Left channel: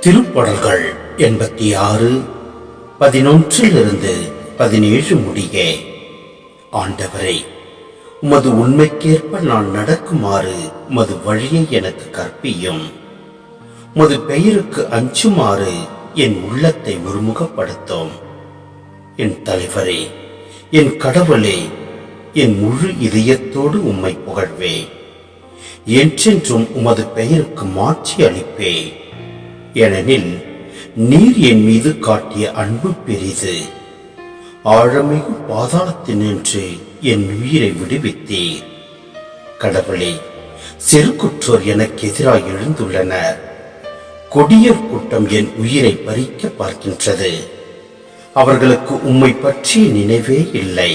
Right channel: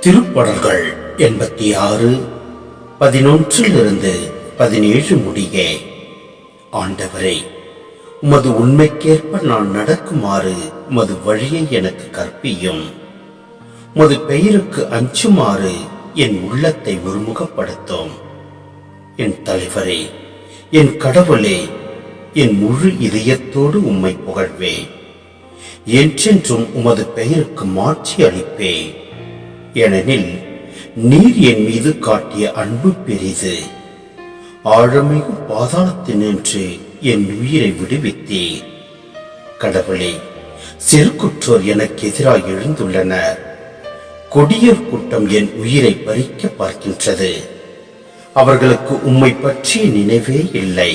திருப்படல்கள் எண்பத்தி ஆறு பதினொன்றிலிருந்து பதினேழு முடிய. ஆண்டவரே உமது உண்மைக்கேற்ப நான் நடக்குமாறு உமது வழியை எனக்கு கற்பியும். உமது பெயருக்கு அஞ்சுமாறு என் உள்ளத்தை ஒருமுகப்படுத்தும். என் தலைவரே என் கடவுளே என் முழு இதயத்தோடு உம்மை புகழ்வேன் என்றென்றும் உமது பெயருக்கு மாற்றி அளிப்பேன் ஏனெனில் நீர் என் மீது காட்டிய அன்பு பெரிது. ஆழமிகு பாதாளத்தினின்று என் உயிரை விடுவித்தீர். கடவுளே சிறுகுற்றோர் எனக்கு எதிராக எழுந்துள்ளனர். கொடியர் கூட்டம் என் உயிரை பறிக்க பார்க்கின்றது. அவர்களுக்கு உம்மை பற்றிய நினைவே இல்லை.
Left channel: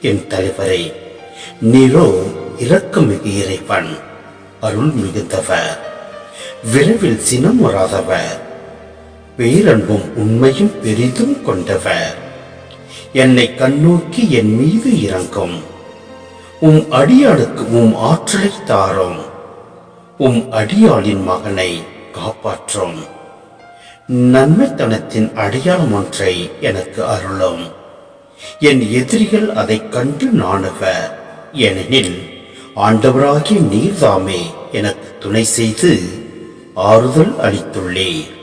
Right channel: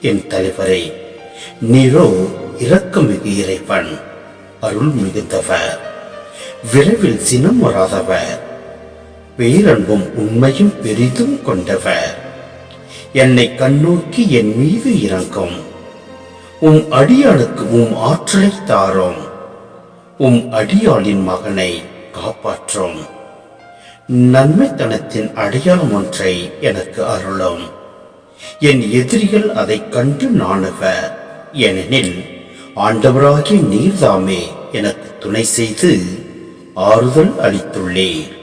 என் தலைவரே நீரோ இரக்கமிகு இறைவன் அருள் மிகுந்தவர் விரைவில் சினம் வராதவர். பேரன்பும் உண்மையும் பெரிதும் கொண்டவர். என்னை கண்ணோக்கி என் மீது இறங்கும். உம் அடியானுக்கு உம் ஆற்றலை தாரும். உம் அடியாளின் மகனை காப்பாற்றும். நன்மைத்தனத்தின் அடையாளம் ஒன்றை எனக்கு அருளும். என் எதிரிகள் அதைக் கண்டு நாணுவ ஏனெனில் ஆண்டவராகிய நீர்தாமே எனக்கு துணை செய்து ஆறுதல் அளித்துள்ளேன்